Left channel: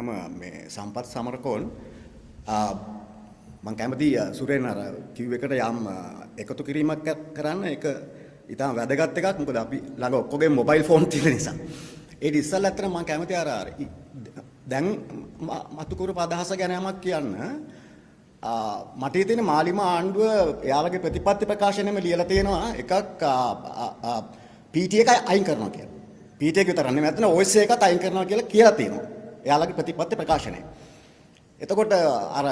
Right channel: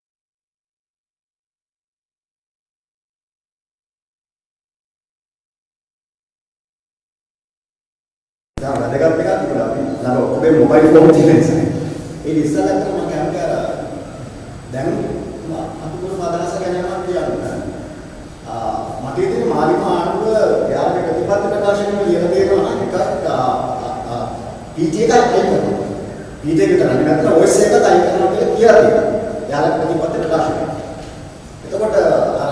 නම මේ සම්පත් සමරකෝන් මම කැමති සුරේන් අර කිව් එකට යම් එකතු කිරීමක් කරන්න ඒක ඉතාල වැදගත් එකක් තිබුණා අපි අර ඔබේ මොබයිල් ෆෝන් තියෙන නිසා ඒක ඉස්සරහට මම කැමති අර දැන් අතුගුරු අදහස ගැන මම කියන්න මට ඉතින් මාරිම ආණ්ඩුව එයාගේ ප්‍රතිපත්ති ප්‍රකාශනෙම ලියලා දෙනවා එකක් PT එකයි අයින් කරනවා PT එක විතර නෙවෙයි OS එකත් අයින් කරනවා කියලා තියෙනවා එයාගේ ප්‍රතිපත්ති ප්‍රකාශනය එතකොට අර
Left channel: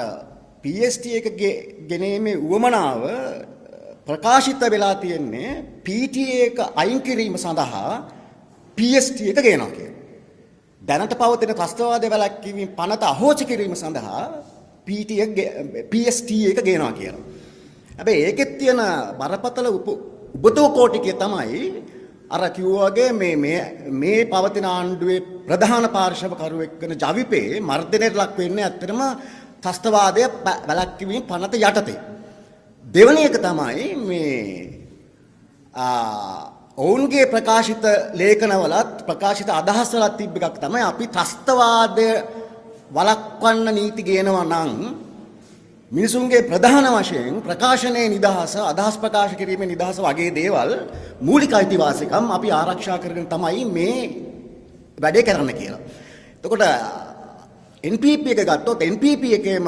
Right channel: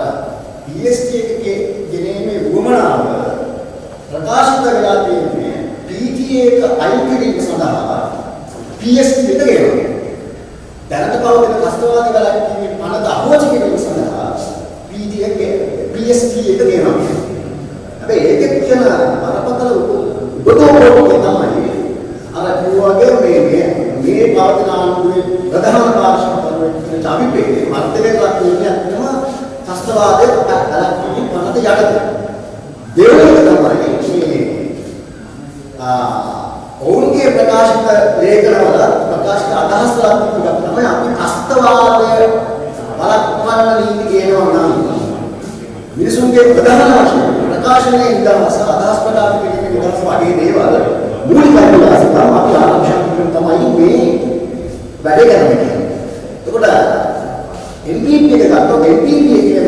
PST එකේ ගෙනීමේ වුමනාව ප්‍රකාශිත වෙලා තියෙන්නේ PT එක අයින් කිරීම සඳහා PST එක ගේනවා දැනට පවතින ප්‍රශ්නවාදී ගලක්කේ පනත අහෝචි කිරීම සඳහා PT එක PST එක ගේනවා කියන්නේ හැබැයි ඒකෙත් තියෙන අරපතල උපදෝපෝටික තමයි අර කිව්වාගේ මේ පවතින ආණ්ඩුවේ ප්‍රධාන පාර්ශ්ව කරවෙන ජවිපේ මර්ධනයක් ලක් වෙන්නේ අත්‍තරම ත්‍ස්තවාදයේ ගලක් කිරීම පනත යටතේ දෙවෙනි එක තමයි මේ ඔවුන්ගේ ප්‍රකාශිත ලේඛනවල ප්‍රකාශිත අදහස් වල තිබුණා තමයි අපි ත්‍ස්තවාදය වළක්වන්න නීති ගේනවා නම් මිනිසුන්ගේ ප්‍රධාන වශයෙන් ප්‍රකාශනයේ නිදහස අදහස් ප්‍රකාශ කිරීමේ නිදහස වගේ දේවල් මූලික අයිතිවාසිකම් අපි ආරක්ෂා කිරීම තමයි මේ වැඩේ කරන්නේ. එතකොට NPP එක ගත්තොත් NPP එකේම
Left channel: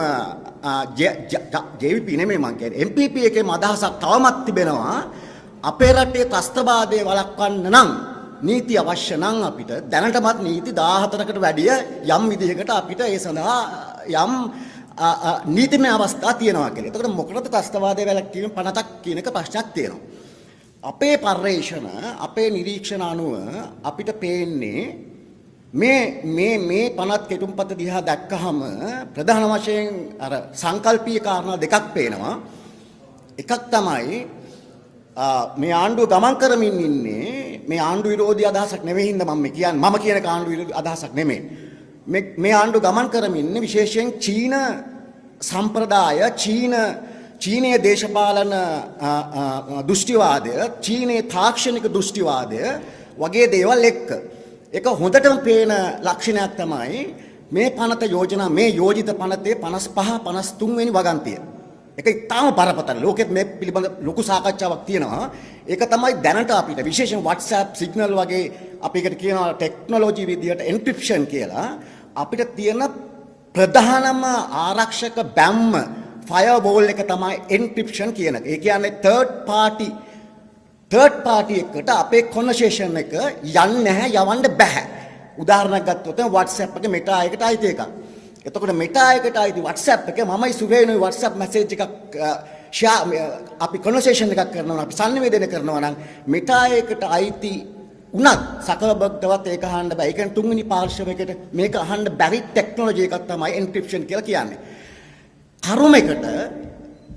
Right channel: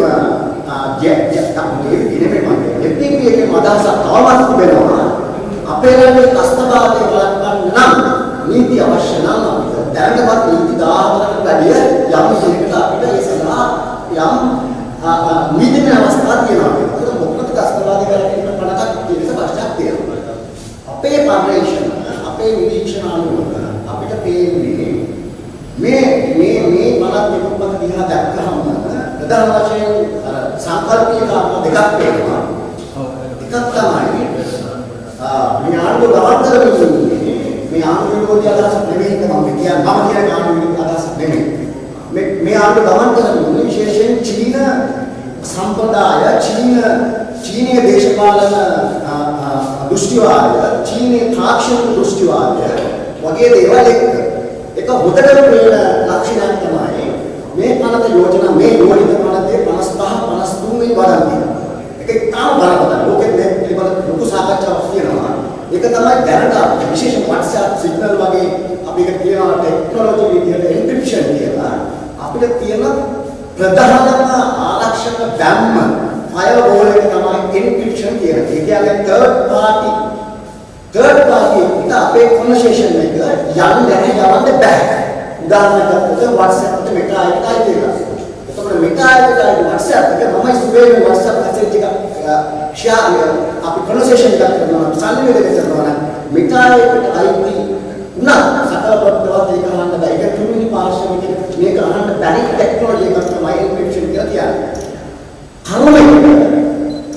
NPP එකේ අදහස තවමත් තිබෙනවා අපේ රටේ ත්‍ස්තවාදයේ වළක්වන්න නම් නීති අවශ්‍ය නම් අපිට දැනටමත් නීති 14කට වැඩිය යම් විදිහකට අපිට ඒ සඳහා යම් නීතිමය අවස්ථා තියෙනවා කියලා. ඒක මොකද ත්‍ස්තවාදයේ ගැලපීම පණතක් කියන එක ප්‍රශ්නයක් තියෙනවා. අපේ කර්මේෂණ අපේ නිරීක්ෂණ අනුව අපිට පේන්නේ මේ පණත් පිටුපත දිහා දැක්කහම ප්‍රධාන වශයෙන් අර සංකල්පීය කාරණා දෙකක් පේනවා. එකක් තමයි මේ ආණ්ඩුව ගමන් කරමින් ඉන්නේ මේ ආණ්ඩුව විරෝධී අදහසක් නෙවෙයි මම කියන්නේ ආණ්ඩුව විරෝධී අදහසක් නෙමෙයි මේ ආණ්ඩුව ගමන් කරමින් ඉන්නේ විශේෂයෙන් චීන සම්ප්‍රදාය චීනීය දේශපාලන දෘෂ්ටිවාදය චීනීය තාක්ෂණික දෘෂ්ටිවාදය වගේ දේවල් එක්ක ඒක හොදටම පේන ලක්ෂණයක් තමයි මේ පනත යෝජනා මේ යෝජිත පනතේ 55 53 වෙනි වරන්තිය ඒක ඉතාම බලපෑම ලෝකෙත් මේ පිළිබඳ ලොකු සාකච්ඡාවක් තියෙනවා ඒක තමයි දැනට විශේෂ WhatsApp සිග්නල් වගේ අපි ඒක කියනවා ටෙක්නොලොජි විදියට එන්ක්‍රිප්ෂන් කියලා අපිට තියෙන ප්‍රධානම ආරක්ෂක බැම්ම ෆයර්වෝල් එක තමයි එන්ක්‍රිප්ෂන් කියලා. ඒ කියන්නේ third party එකට අපේ කන්වර්සේෂන් එක යවන්න බෑ. උදාහරණයක් ගත්තොත් WhatsApp එකට මෙටා එකයි දෙකක්. එතකොට මෙටා එකයි WhatsApp එක මමයි සුවේලු WhatsApp මැසේජ් එක ෂෙයාර් අපි කන්වර්සේෂන් එකක් කරනවා සංනිවේදනය කරනවා නම් මෙටා එකට අයිති උනා සකලපත්තවත් ඒක අහන්න බෑ. ඒක තුන්වෙනි පාර්ශ්වයකට මේක අහන්න බැරි ටෙක්නොලොජි එකක් තමයි එන්ක්‍රිප්ෂන් කියලා කියන්නේ.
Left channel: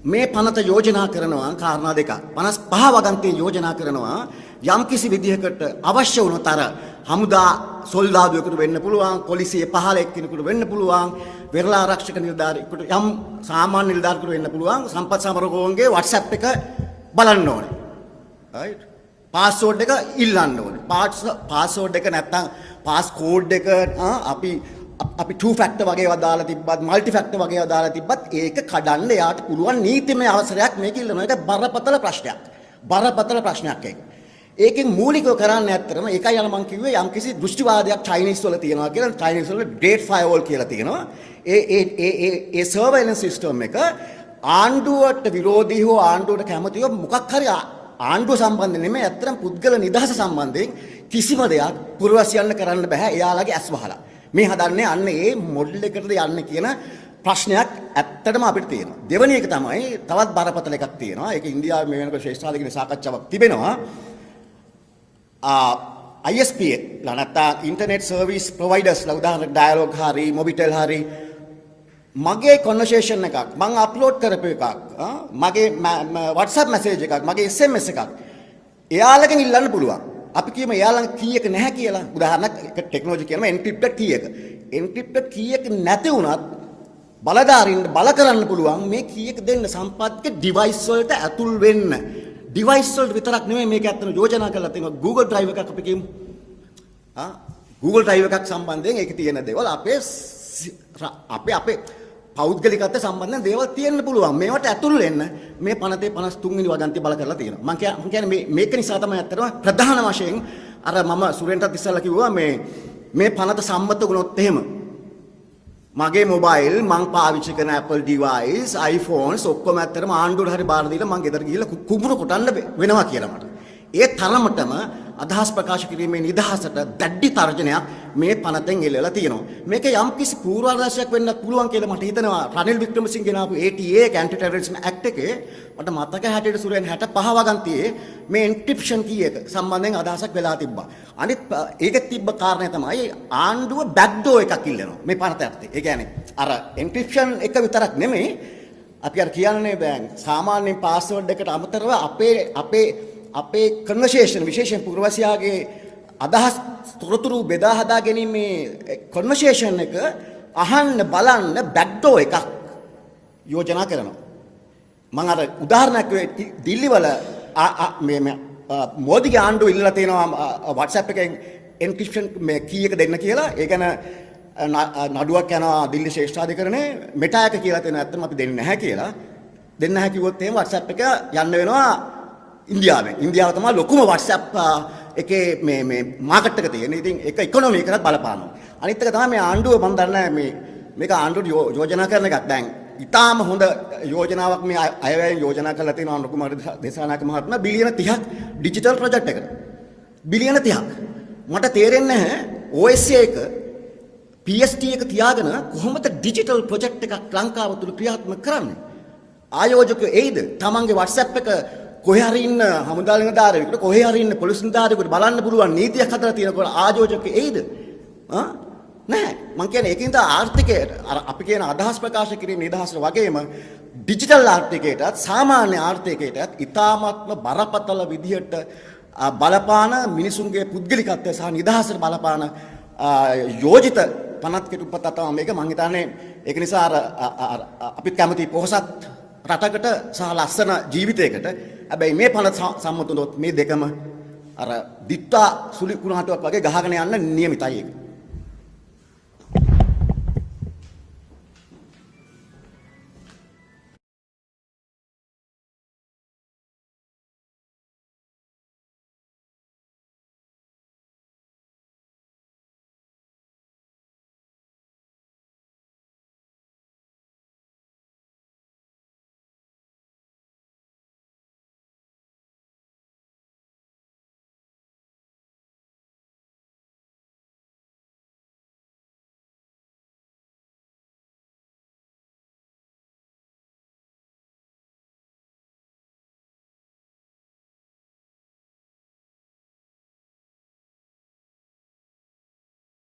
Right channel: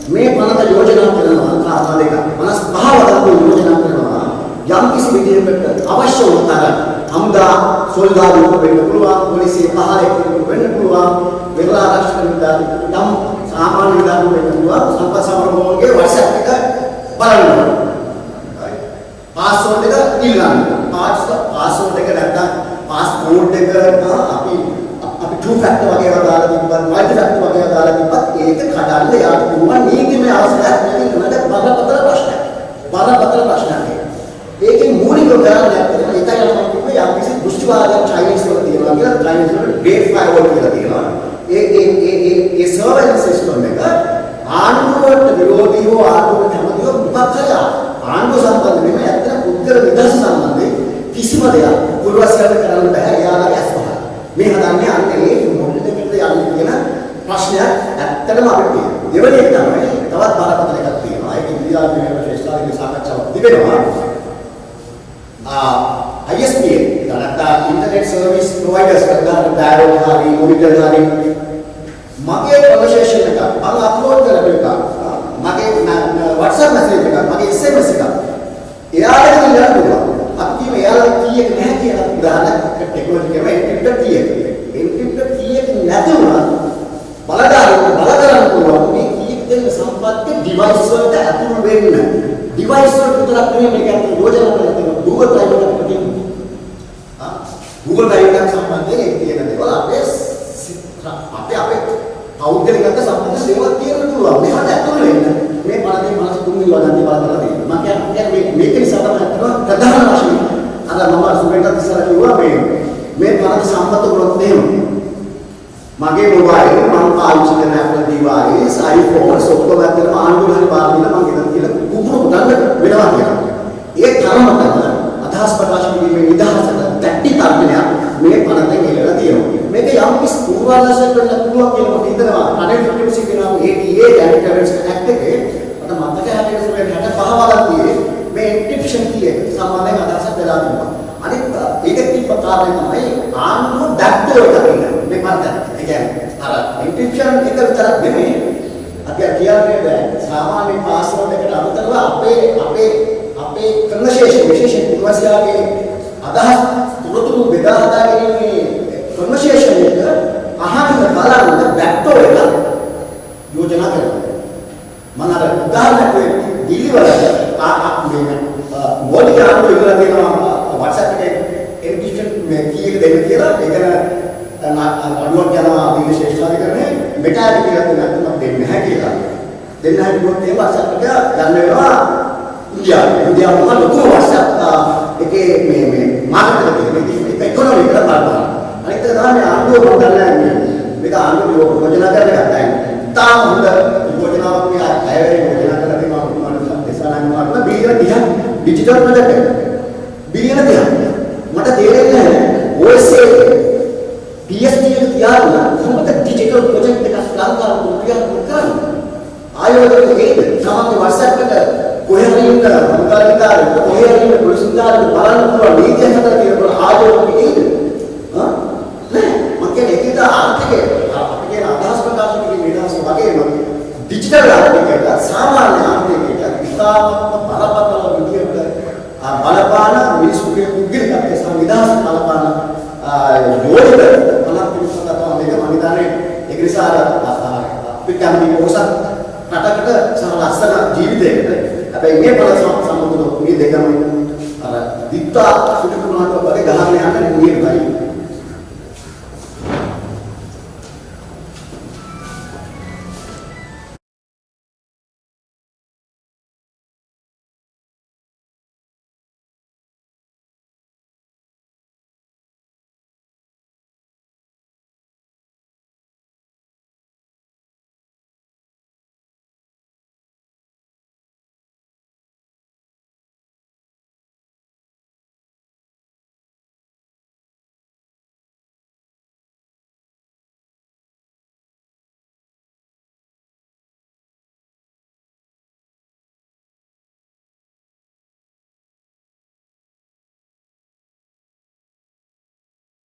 මේ පනත යෝජනා කරනවා කාරණා දෙකක් 55 වගේ යෝජනා කරනවා යම් කිසි විදිහකට අවශ්‍ය වූ තරම් හමුදා සොල්දාදුවෙක් වෙන්න පුළුවන් පොලිසිය පහලෙක් වෙන්න පුළුවන් වෙරළ ආරක්ෂක නිලධාරීන් යම් සාමාන්‍ය නිලධාරීන් වෙන්න පුළුවන් සම්පත් සමරකෝන්ගේ WhatsApp එක බලන්න පාස්වර්ඩ් එක ඉල්ලන්න පාස්වර්ඩ් එක නැත්නම් පාස්කෝඩ් එක අපි two factor වගේ ඒවා දාලා තිබ්බත් multi factor වගේ ඒවා දාලා තිබ්බත් ඒක කඩන්න යාට පුළුවන් නීතිමය අවශ්‍යතාවයක් මේකේ උනට බරපතල ප්‍රශ්නයක් ඒකේ මූලික උදාහරණයක් තමයි ඒකයි මම කිව්වේ යම් කිසි දෘෂ්ටිවාදයක් චයිනීස් වල තියෙනවා කියලා චයිනීස් වල ඩේට් ෆයර්වෝල් කියලා තියෙනවා ඒ සර්වයිලන්ස් සිස්ටම් එක ආණ්ඩුවට විරෝධීව ආණ්ඩුවට කැමතිව මොකක් හරි ආණ්ඩුව සම්බන්ධ නෙමෙයි අතන පුද්ගල නිදහස සම්බන්ධයෙන් කිසිම දෙයක් පුරවැසියන්ට කරන්න බෑ එයාලගේ අස්වහන මේ හදන්නේ අන්නේ ඒ මොඩල් එකකට යන්නේ කියන ප්‍රශ්නයක් ඇත්තටම අපිට තියෙනවා. දෙවෙනි එක තමයි තවත් බරපතල එකක් තියෙනවා. ඒක ඉන්දියාවේ වෙන ශ්‍රේෂ්ඨාලගේ සාකච්ඡාවක් තිබෙනවා. ISPA නැත්නම් ඉන්ටර්නෙට් සර්විස් ප්‍රොවයිඩර්ස් කරගන්න ඩයලොග් හරි මොබිටල් හරි මගේ කන්වර්සේෂන් එකක් මම අප්ලෝඩ් කරපු එකක් මගේ WhatsApp මැසේජ් එකක් මගේ SMS එකක් එයාලට ඉල්ලන්න පුළුවන්. අපි කියමු එයාලට කීයක නැහැ කියලා උදාහරණයක් ටෙක්නොලොජි කියනවා එන්ක්‍රිප්ටර් කීයක. එන්ක්‍රිප්ටර් කීයක නැති වුණා බලකාරයෙක් බල කරන්න පුළුවන් මේ කීයක දෙන්න සම්පත්තිය ඩිවයිස් වලට ඇතුල් වෙන්න. ඩිවයිස් වල විතරක් නෙවෙයි මේක අතට යෝජනා කරලා තියෙනවා Google Drive එකට කියමු. Google Drive එකක් සම්බන්ධයෙන් ඒක තියෙන දේවල් අපේ නැති බලලා තියෙනවා. මම කියන්නේ මේක නිසා තමයි අතන ප්‍රධාන වශයෙන් අර මම සුරේන්ද්‍ර ඉස්සලා කිව්වා මේ පරද සම්මත වුණොත් එහෙම මගේ මොබයිල් මම පාවිච්චි කරන Apple device iPhone ඔක්කොම ඇත්තටම ආණ්ඩුවේ හරි බාර දීලා මම ඉතින් කියලා කුපුර උඩන්න වෙනවා කියලා. ඒ තරමටම අදහස් ප්‍රකාශ කිරීමේ නිදහසට දැටි තර්ජනයක් මේ පනතෙන් එල්ලලා තියෙනවා. මේක යම් කිසි පූර්වාදර්ශයක් වෙන්න පුළුවන් කියලා මම හිතනවා. අනේ වික්‍රමසිංහ කියනවා ATA Anti-Terrorism Act එකේ මට මතක හැටියට සුරේන් 65 වදක් තියෙන්නේ මේ එන්ක්‍රිප්ෂන් කී එක සම්බන්ධයෙන් අදහසක් වෙලා තිබුණා. අනිත් ඒක තිබ්බ කාරණේ තමයි ආණ්ඩුව බැක්ඩෝර් එක තියෙනවා. මේ පනතට. ඒ කියන්නේ අර එන්ක්‍රිප්ෂන් එක විතරක් නෙමෙයි අපි කියන්නේ සාමාන්‍ය පාස්වර්ඩ් එකට අමතරව අපේ කන්වර්සේෂන් විශේෂයෙන් පුරවැසියාගේ අදහස් තොරතුරු බෙදා හදා ගැනීමේ කන්වර්සේෂන් එක අහන්න බලන්න බැක්ඩෝර් එක යෝජනා කරනවා. මම අර උදාහරණයක් වෙන්නේ දිල්ලි වල මේ මොඩි ආණ්ඩුව ඉල්ලලා තියෙනවා WhatsApp එකේ එන්ක්‍රිප්ෂන් මේ කී එක දෙන්න කියලා. ඒකන නඩුවක් යනවා මේ ශේෂ්ඨාධිකරණේ මෙටාට කියලා දෙන්න නැත්නම් දෙන්නේ නැහැ කියලා. දෙන්න හැදුවොත් ඒ WhatsApp එක යන්න වෙනවා ඉන්දියාවේ ලොකුම WhatsApp එකේ මේ මාර්කට් එක තියෙනවා. ඒක ඉකොනොමි එකට බලපාන. අනිත් එක තමයි ආණ්ඩුව මම දන්නේ මේක ආණ්ඩුව යෝජනා කරන එකක් දැන්. ඉතාලම හොඳ යෝජනාවක් මේ අයවැය යෝජනා කරලා තියෙනවා කුමාරතුමා එසානක් බිලියන 30ක් ඩිජිටල් ප්‍රොජෙක්ට් එක. බිලියන 30ක්. මට තේරෙන්නේ නැහැ OSA PST එක තියාගෙන කොහොමද ඩිජිටල් ප්‍රොජෙක්ට් එකක් ලංකාවට ක්‍රියාත්මක කරන්නේ? ආයෝජක ඒද තමන්ගේ WhatsApp එක කොහේ හරි ඉන්න හමුදාරිකාරයෙක් කොහේ හරි ඉන්න පොලිසිකාරයෙක් බලන්න පුළුවන් නීතියක් හදලා තියෙන ආයෝජක ඒද? නෑ මම කියන්නේ ඒකද ආර්ථිකය අපි කියන අදහස් ප්‍රකාශ කිරීමේ නිදහස වගේම ඩිජිටල් ආර්ථිකයට සාමාන්‍ය ආර්ථිකයට ඉතාමත්ම බලපතල විදියට බලපාන මිනිසුන්ගේ පුද්ගලිකත්වයේ සංවිධානය බලපාන යෝජිත අනත් කිව්වකටම මේක මම හිතන්නේ ඒක නිසා අපි කැමති පොහොසත් රටකට සහ ලස්සන ජීවිතයකට හැබැයි මේ පළ සම්බන්ධව මේ දෙකම අර දිත්තා සුරිකුණාට